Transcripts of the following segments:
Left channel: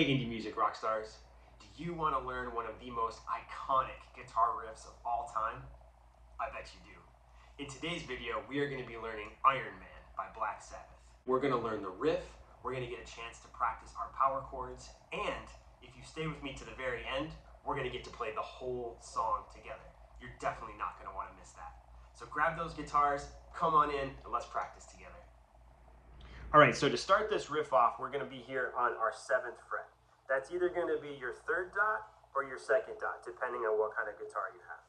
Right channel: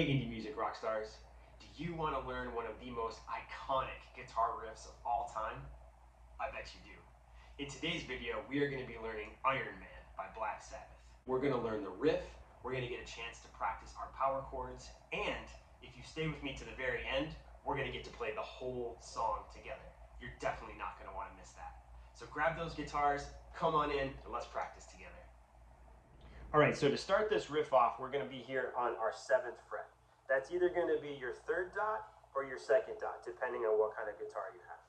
Hey indie music rock stars, do you want to learn one of the most iconic guitar riffs of all time? I bet you do. In today's video, we are going to be learning Iron Man by Black Sabbath. We're going to learn the riff, we're going to get a chance to practice our power chords, and if you stay with me to the very end, we're going to get to play the whole song together. You're definitely not going to want to miss that. So grab those guitars, come on in, and let's practice together. All right, so to start this riff off, we're going to be here on our 7th fret. That's either going to be your 3rd dot or your 2nd dot, depending on what kind of guitar you have.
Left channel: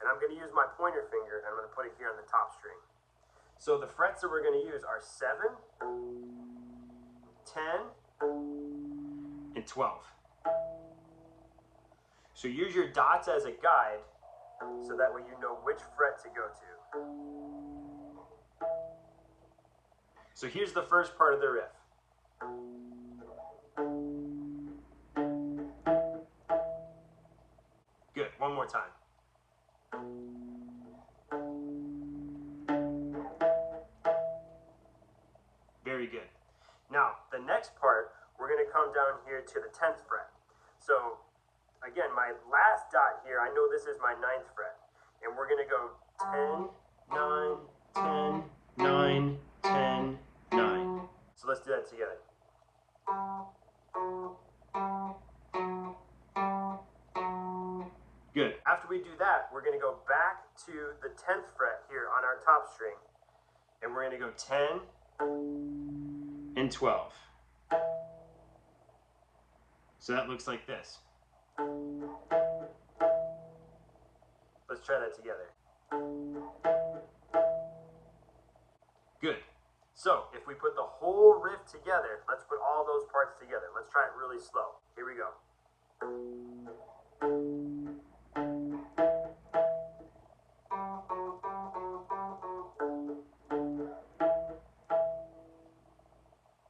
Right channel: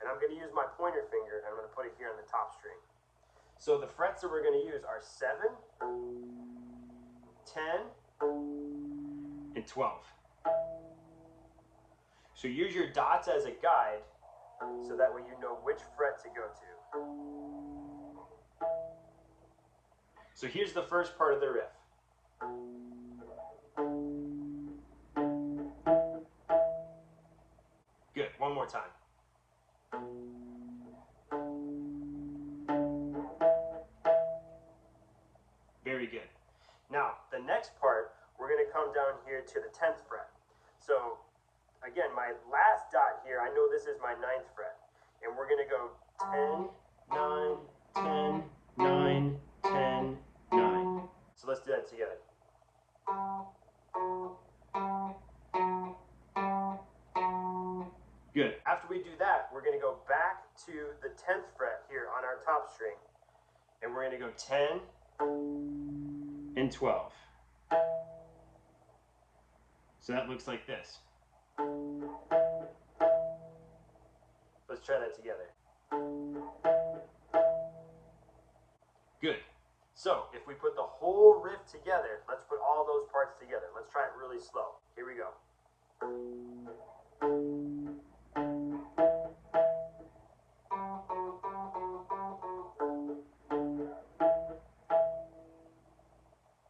And I'm going to use my pointer finger, and I'm going to put it here on the top string. So the frets that we're going to use are 7, 10, and 12. So use your dots as a guide, so that way you know which fret to go to. So here's the first part of the riff. Good, one more time. Very good. Now, the next part, we're going to come down here to the 10th fret. So, again, my last dot here, I know this is my 9th fret. And we're going to go 10, 9, 10, 10, 9. So let's do that together. Good. After we do that, we're going to go back to the 10th fret here on our top string. And we're going to go 10 and 12. So that looks like this. Let's try that together. Good. So if we put the whole riff together, let's put all those parts together. Let's try it really slow. Here we go.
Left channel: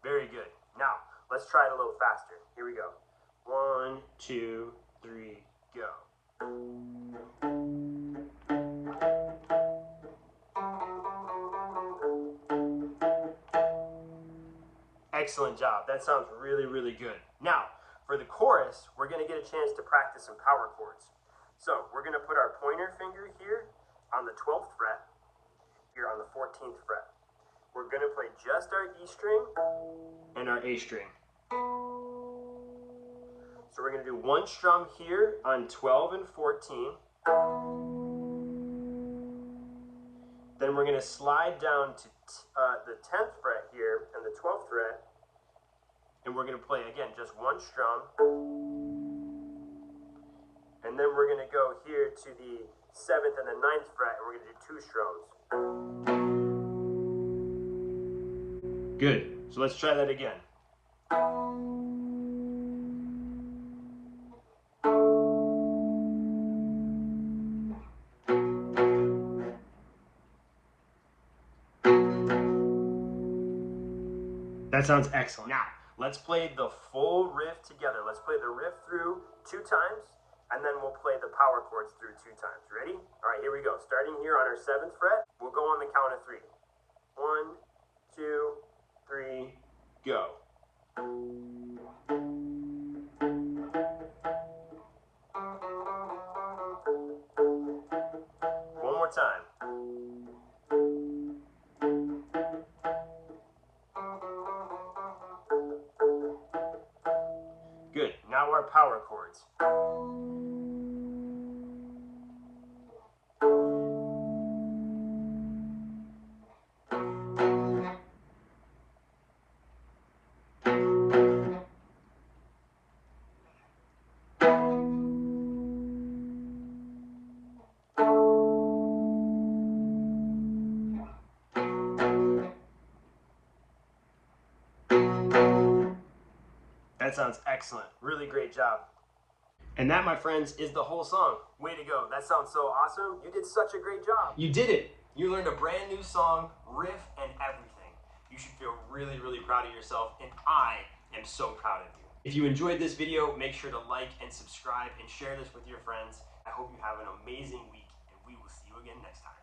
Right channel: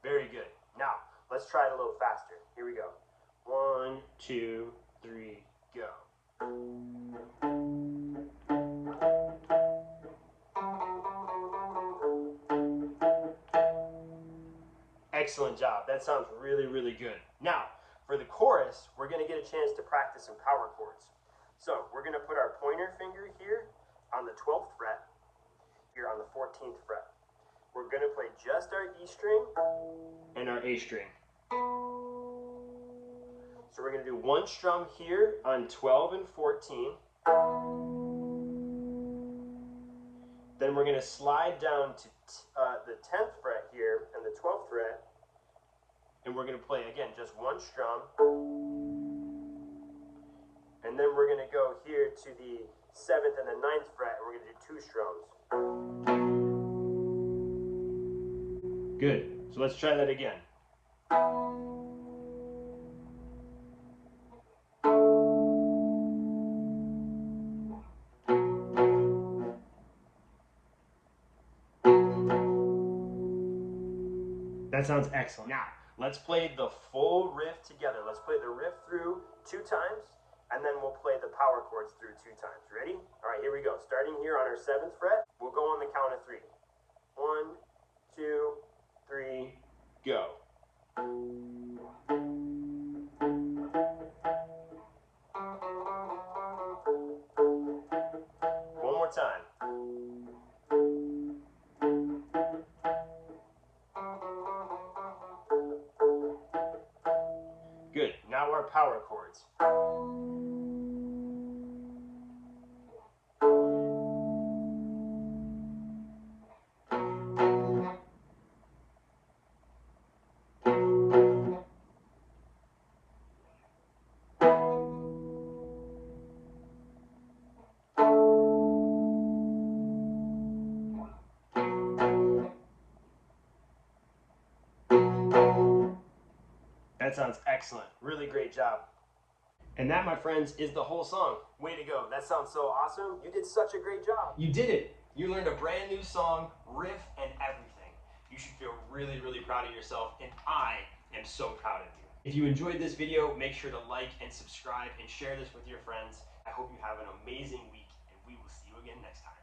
Very good. Now, let's try it a little faster. Here we go. 1, 2, 3, go. Excellent job. That sounds really, really good. Now, for the chorus, we're going to get a chance to practice some power chords. So, we're going to put our pointer finger here on the 12th fret, here on the 14th fret. We're going to play just our E string and our A string. So we're going to do one strum here on 12 and 14. Then we're going to slide down to the 10th fret here and the 12th fret. And we're going to play, again, just one strum. And then we're going to go here to the 7th and the 9th fret, and we're going to do 2 strums. Good. So let's try that again. That sounds excellent. Now, let's play the full riff together. Let's play the riff through 2 times, and then we'll play the power chords through 2 times. Ready? All right, here we go. Starting here on our 7th fret, we'll go on the count of 3. 1, 2, 3, go. One more time. Good. Now our power chords. That sounds excellent. Really great job. And that, my friends, is the whole song. Way to go. That sounds so awesome. You did such a great job. You did it. You learned a brand new song, riff, and everything. You should feel really, really proud of yourself, and I am so proud of you. If you enjoyed this video, make sure to like and subscribe and share this with your friends. I hope you have an amazing week, and we will see you again next time.